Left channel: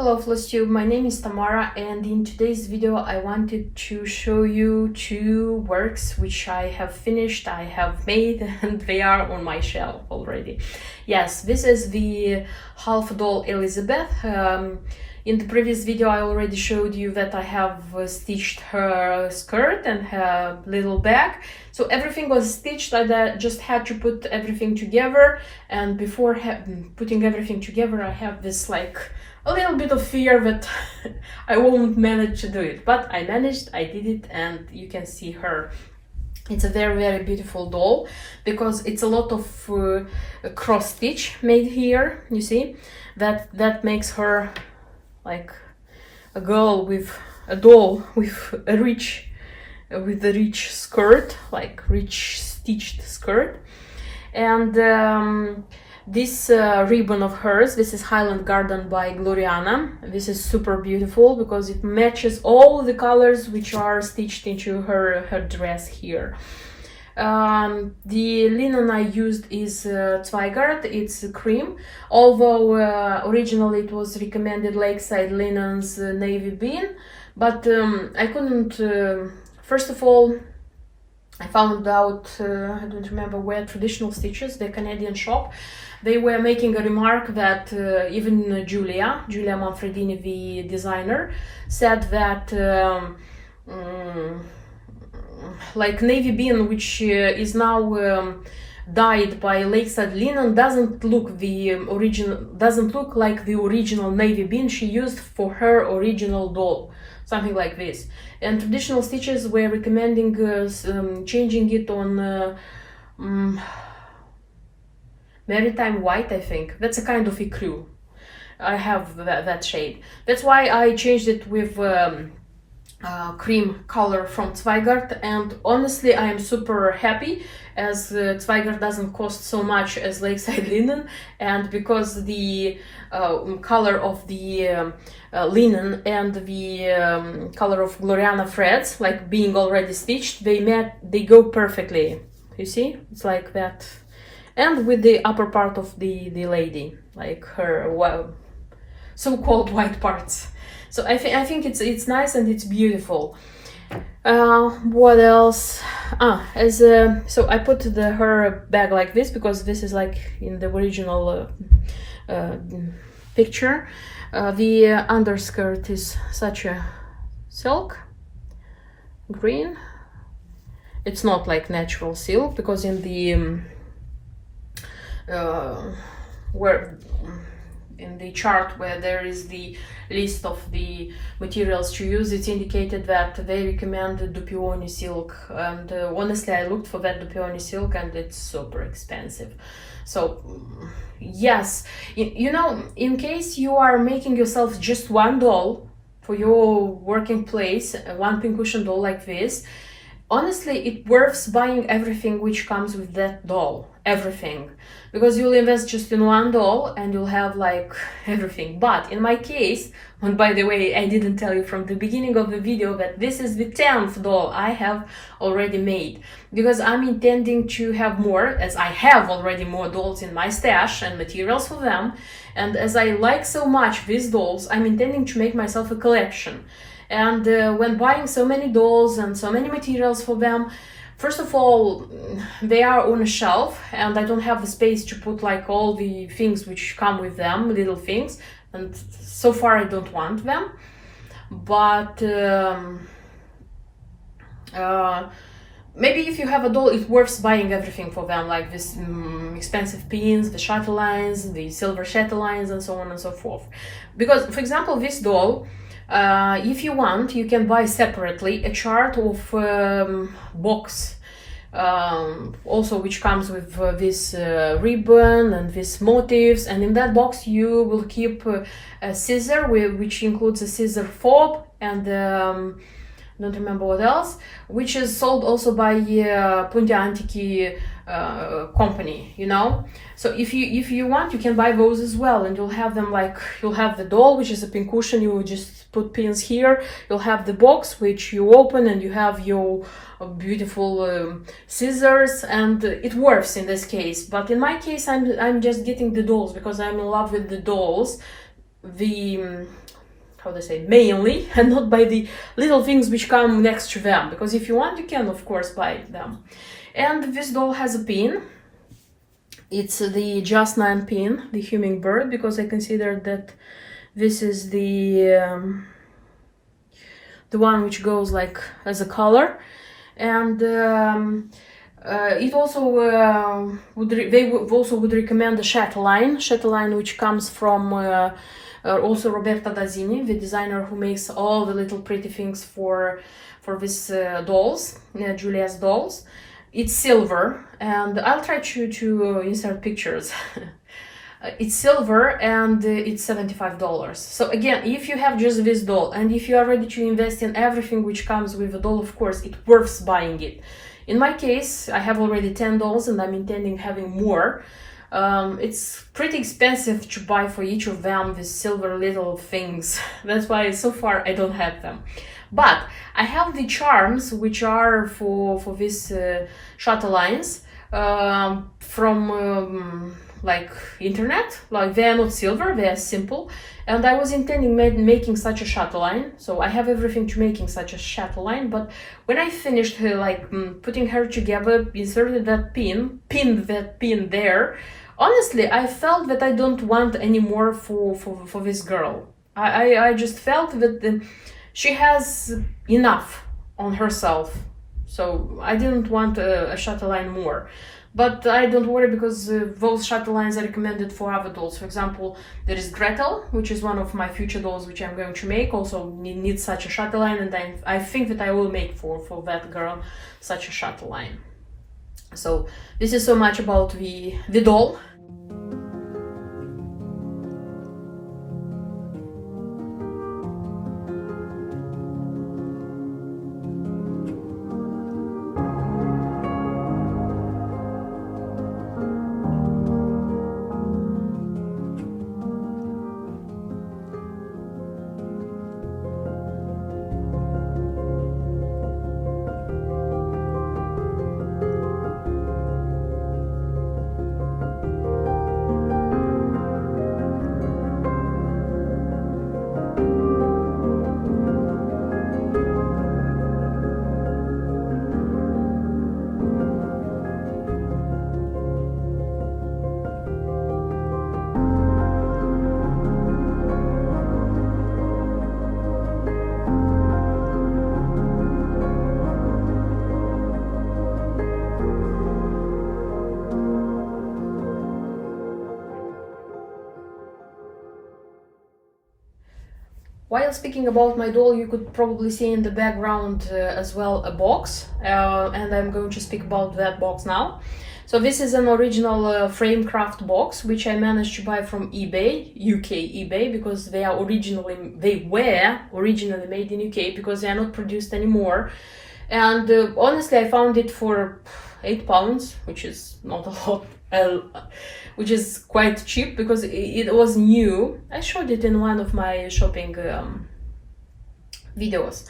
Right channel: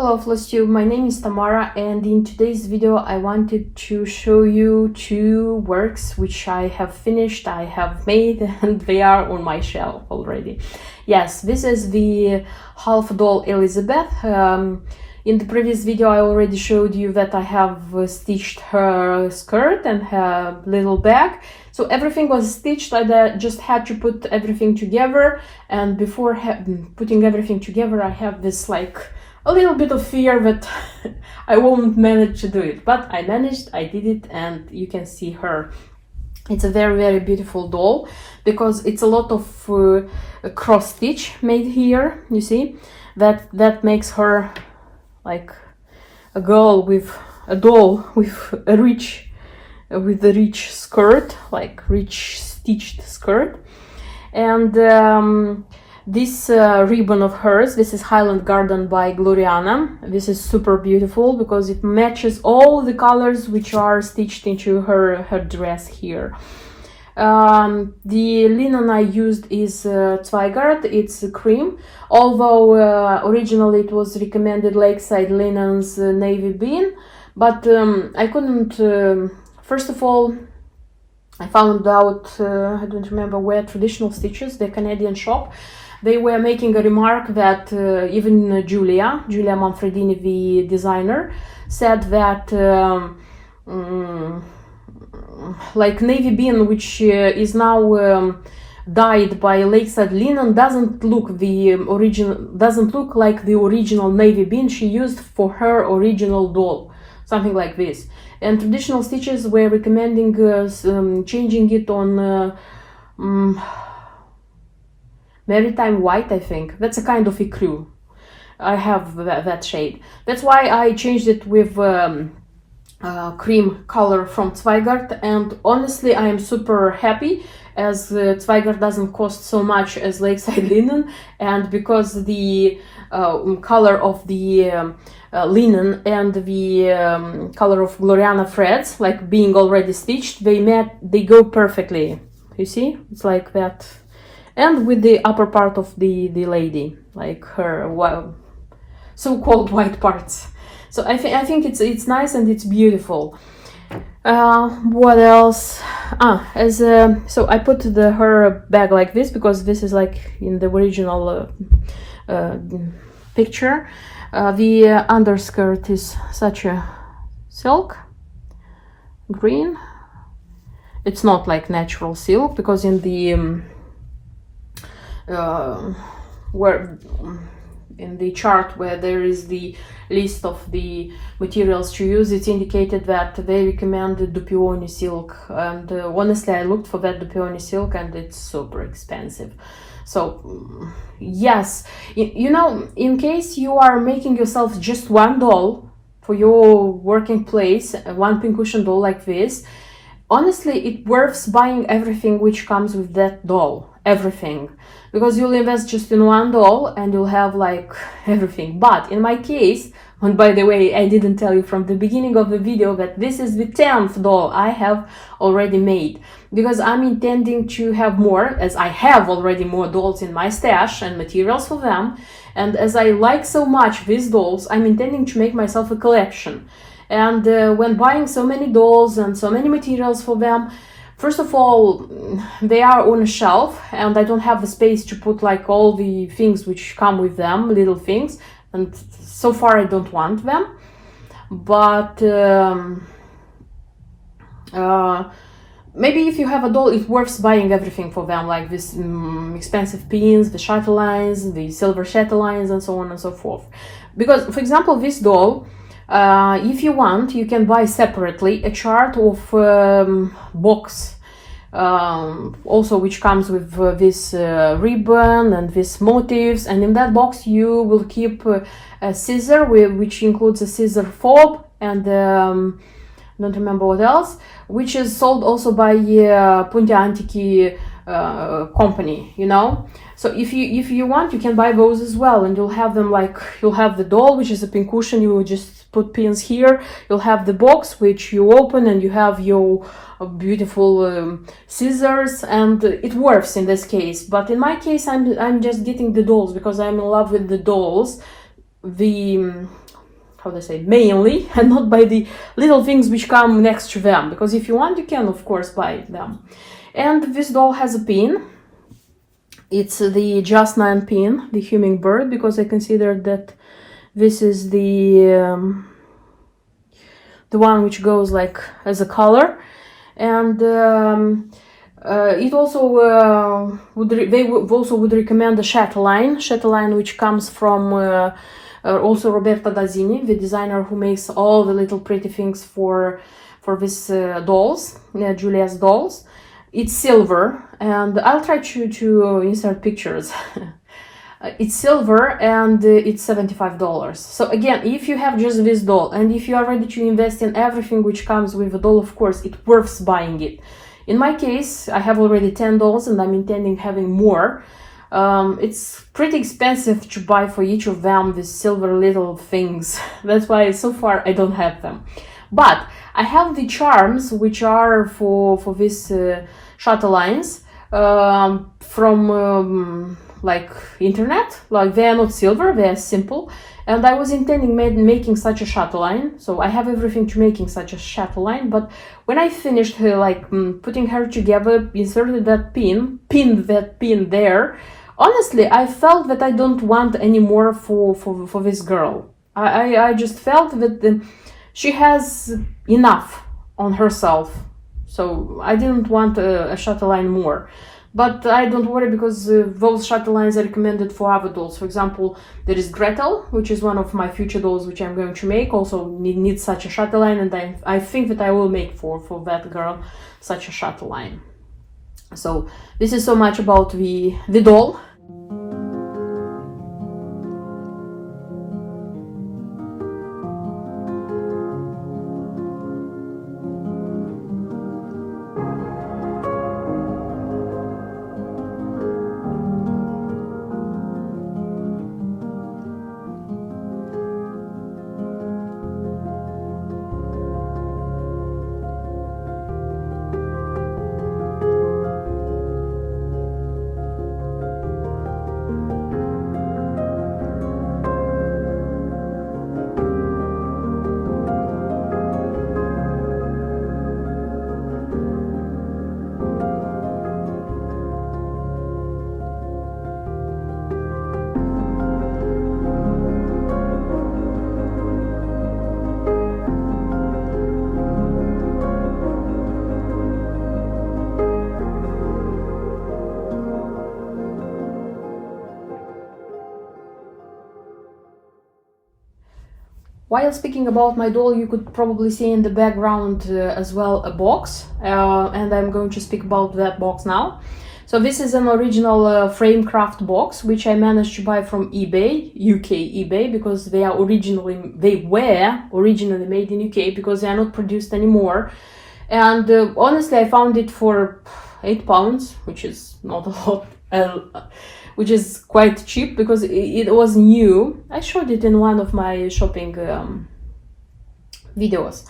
Hello Flosstube, my name is Tamara, and in today's video I wanted to show you two works which I have finished, I have made, and they are on my shelf already. Yes, this is the half doll Elisabeth. In the previous video I already showed you that I have stitched her skirt and her little bag. So everything was stitched. I just had to put everything together, and before putting everything together I have this like a little bit of fear that I won't manage to do it, but I managed, I did it, and you can see her. It's a very beautiful doll because it's a lot of cross stitch made here. You see that makes her like a girl with a doll with a rich skirt, like rich stitched skirt. And this ribbon of hers, this is Highland Garden by Gloriana. This is super beautiful because it matches all the colors which are stitched into her dress here. The linen I used is Zweigart, it's cream, although originally it was recommended Lakeside Linens navy bean, but I couldn't, first of all, I found out, I don't remember where, Traditional Stitches, the Canadian shop, they were making a remark that even Giulia Manfredini, the designer, said that like navy bean, which is now dyed by Lakeside linen, doesn't look like the original navy bean she used for her original doll, something like this. And Traditional Stitches were recommending changing it on Maritime White, I think. That's a kind of ecru. I have that shade. That's why I changed it with cream color from Zweigart, and honestly I am super happy, as Zweigart doesn't cost so much as Lakeside linen, and because the color of the linen and the color of Gloriana threads, like being already stitched, they go perfectly. You see, it's like that. And with the upper part of the lady, like her so-called white parts. So I think it's nice and it's beautiful. What else? So I put her bag like this because this is like in the original picture. The underskirt is such a silk green. It's not like natural silk, because in the in the chart where there is the list of the materials to use, it's indicated that they recommend Dupioni silk, and honestly I looked for that Dupioni silk and it's super expensive. So yes, you know, in case you are making yourself just one doll for your working place, one pincushion doll like this, honestly it worths buying everything which comes with that doll, everything, because you'll invest just in one doll and you'll have like everything. But in my case, and by the way, I didn't tell you from the beginning of the video that this is the 10th doll I have already made, because I'm intending to have more, as I have already more dolls in my stash and materials for them, and as I like so much these dolls, I'm intending to make myself a collection. And when buying so many dolls and so many materials for them, first of all, they are on a shelf and I don't have the space to put like all the things which come with them, little things, and so far I don't want them. But maybe if you have a doll, it's worth buying everything for them, like this expensive pins, the chatelaines, the silver chatelaines, and so on and so forth. Because, for example, this doll, if you want, you can buy separately a chart of box, also which comes with this ribbon and these motifs, and in that box you will keep a scissor which includes a scissor fob and don't remember what else, which is sold also by Punti Antichi company, you know. So if you want, you can buy those as well, and you'll have them, like you'll have the doll, which is a pincushion, you will just put pins here, you'll have the box which you open and you have your beautiful scissors, and it works in this case. But in my case I'm just getting the dolls because I'm in love with the dolls. The how they say, mainly, and not by the little things which come next to them, because if you want, you can of course buy them. And this doll has a pin. It's the Just 9 pin, the hummingbird, because I consider that this is the one which goes like as a color. And it also they also would recommend the chatelaine, which comes from also Roberta Dazzini, the designer who makes all the little pretty things for these dolls, Julia's dolls. It's silver, and I'll try to insert pictures. It's silver, and it's $75. So again, if you have just this doll, and if you are ready to invest in everything which comes with the doll, of course, it's worth buying it. In my case, I have already 10 dolls, and I'm intending having more. It's pretty expensive to buy for each of them these silver little things. That's why so far I don't have them. But I have the charms, which are for this chatelaines from like internet. Like, they are not silver, they are simple. And I was intending making such a chatelaine, so I have everything to making such a chatelaine. But when I finished her, like putting her together, inserted that pin, pinned that pin there, honestly, I felt that I don't want any more for this girl. I just felt that she has enough on herself, so I didn't want a chatelaine more. But I don't worry, because those chatelaines are recommended for other dolls. For example, there is Gretel, which is one of my future dolls which I'm going to make, also needs such a chatelaine, and I think that I will make for that girl such a chatelaine. So this is so much about the doll. While speaking about my doll, you could probably see in the background as well a box, and I'm going to speak about that box now. So this is an original frame craft box, which I managed to buy from eBay, UK eBay, because they were originally made in UK, because they are not produced anymore. And honestly, I found it for £8, which is not a lot, which is quite cheap, because it was new. I showed it in one of my shopping videos,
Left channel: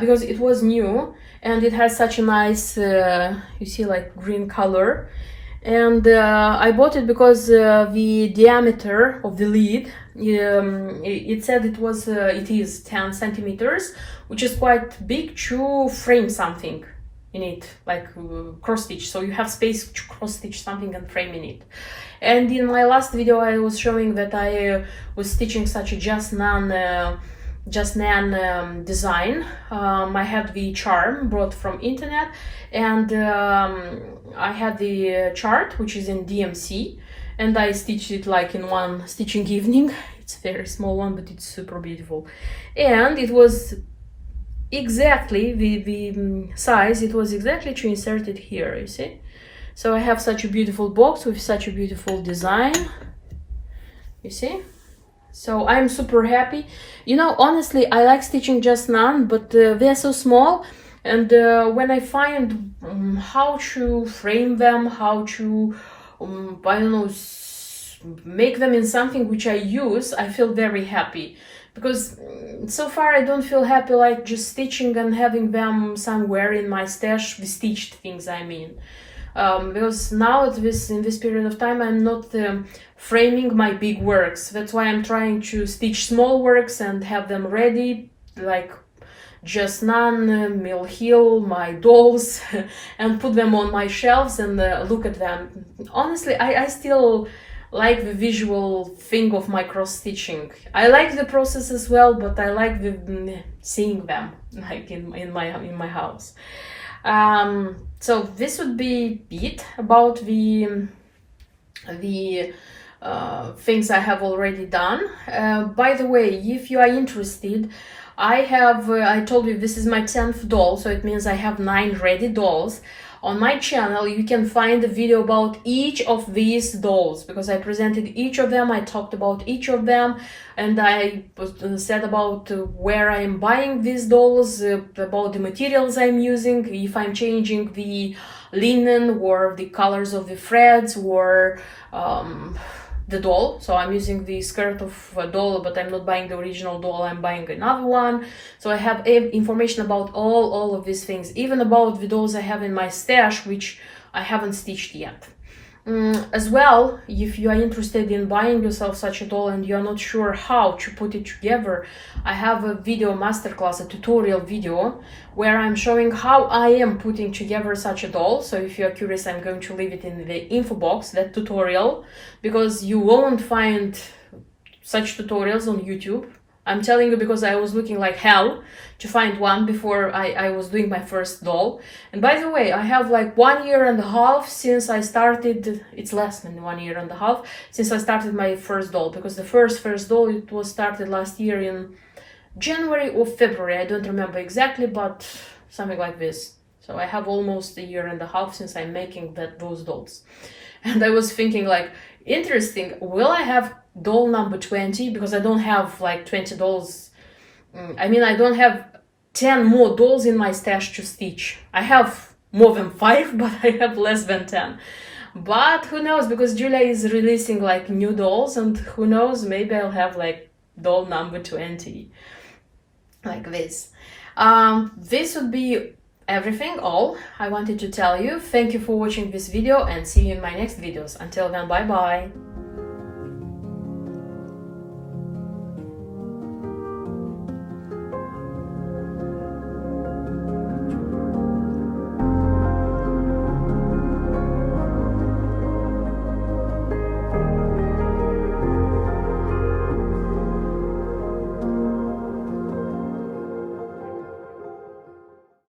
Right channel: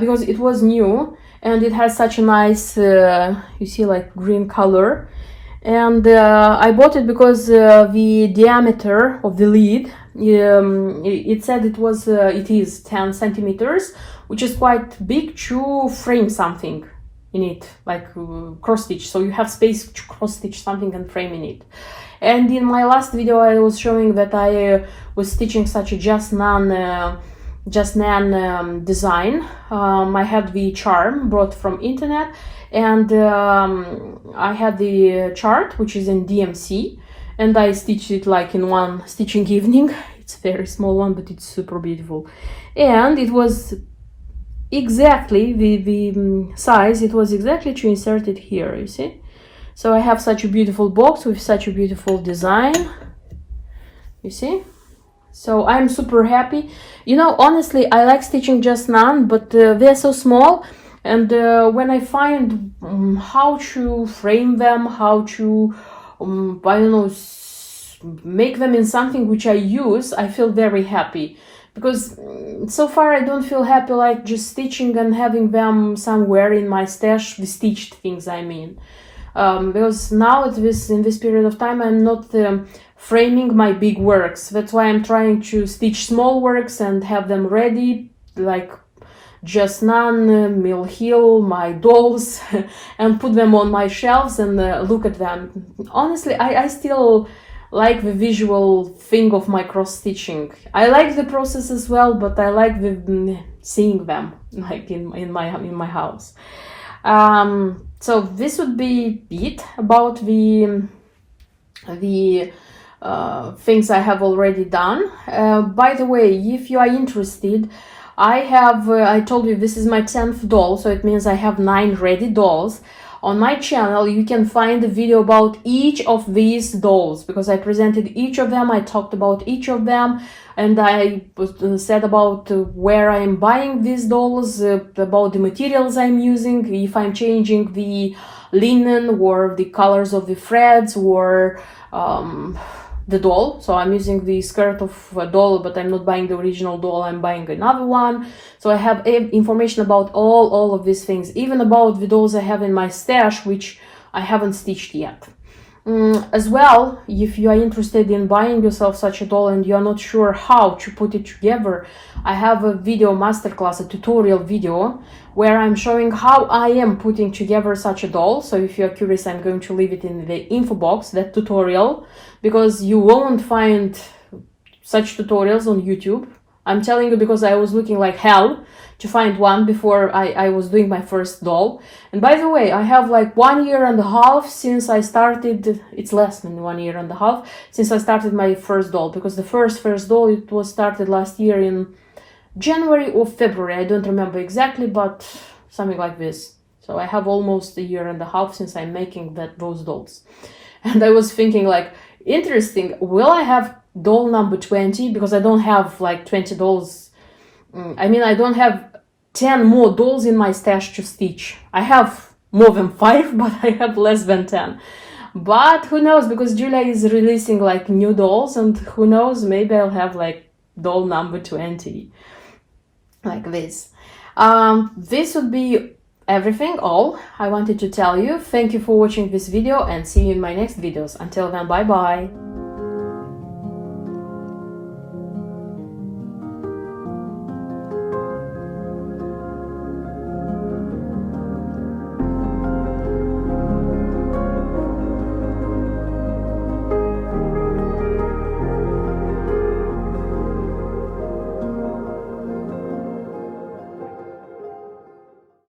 because it was new, and it has such a nice, you see, like green color. And I bought it because the diameter of the lid, it said it is 10 centimeters, which is quite big to frame something in it, like cross stitch, so you have space to cross stitch something and frame in it. And in my last video I was showing that I was stitching such a Just 9 design. I had the charm brought from internet, and I had the chart, which is in DMC, and I stitched it like in one stitching evening. It's a very small one, but it's super beautiful, and it was exactly the size. It was exactly to insert it here, you see. So I have such a beautiful box with such a beautiful design, you see. So I'm super happy. You know, honestly, I like stitching Just 9, but they're so small, and when I find how to frame them, how to I don't know, make them in something which I use, I feel very happy. Because so far I don't feel happy like just stitching and having them somewhere in my stash, the stitched things I mean. because now in this period of time I'm not framing my big works. That's why I'm trying to stitch small works and have them ready, like Just None, Mill Hill, my dolls, and put them on my shelves and look at them. Honestly, I still like the visual thing of my cross stitching. I like the process as well, but I like seeing them like in my house. So this would be it about the things I have already done. By the way, if you are interested, I told you this is my 10th doll, so it means I have 9 ready dolls. On my channel you can find a video about each of these dolls, because I presented each of them, I talked about each of them, and I said about where I'm buying these dolls, about the materials I'm using, if I'm changing the linen or the colors of the threads or the doll. So I'm using the skirt of a doll, but I'm not buying the original doll, I'm buying another one. So I have information about all of these things, even about the dolls I have in my stash, which I haven't stitched yet. As well, if you are interested in buying yourself such a doll and you're not sure how to put it together, I have a video masterclass, a tutorial video, where I'm showing how I am putting together such a doll. So if you're curious, I'm going to leave it in the info box, that tutorial, because you won't find such tutorials on YouTube. I'm telling you because I was looking like hell to find one before I was doing my first doll. And by the way, I have like 1.5 years since I started, it's less than 1.5 years since I started my first doll, because the first doll, it was started last year in January or February, I don't remember exactly, but something like this. So I have almost 1.5 years since I'm making those dolls. And I was thinking like, interesting, will I have doll number 20? Because I don't have like 20 dolls. I mean, I don't have 10 more dolls in my stash to stitch. I have more than 5, but I have less than 10. But who knows, because Julia is releasing like new dolls, and who knows, maybe I'll have like doll number 20, like this. This would be everything, all I wanted to tell you. Thank you for watching this video, and see you in my next videos. Until then, bye bye.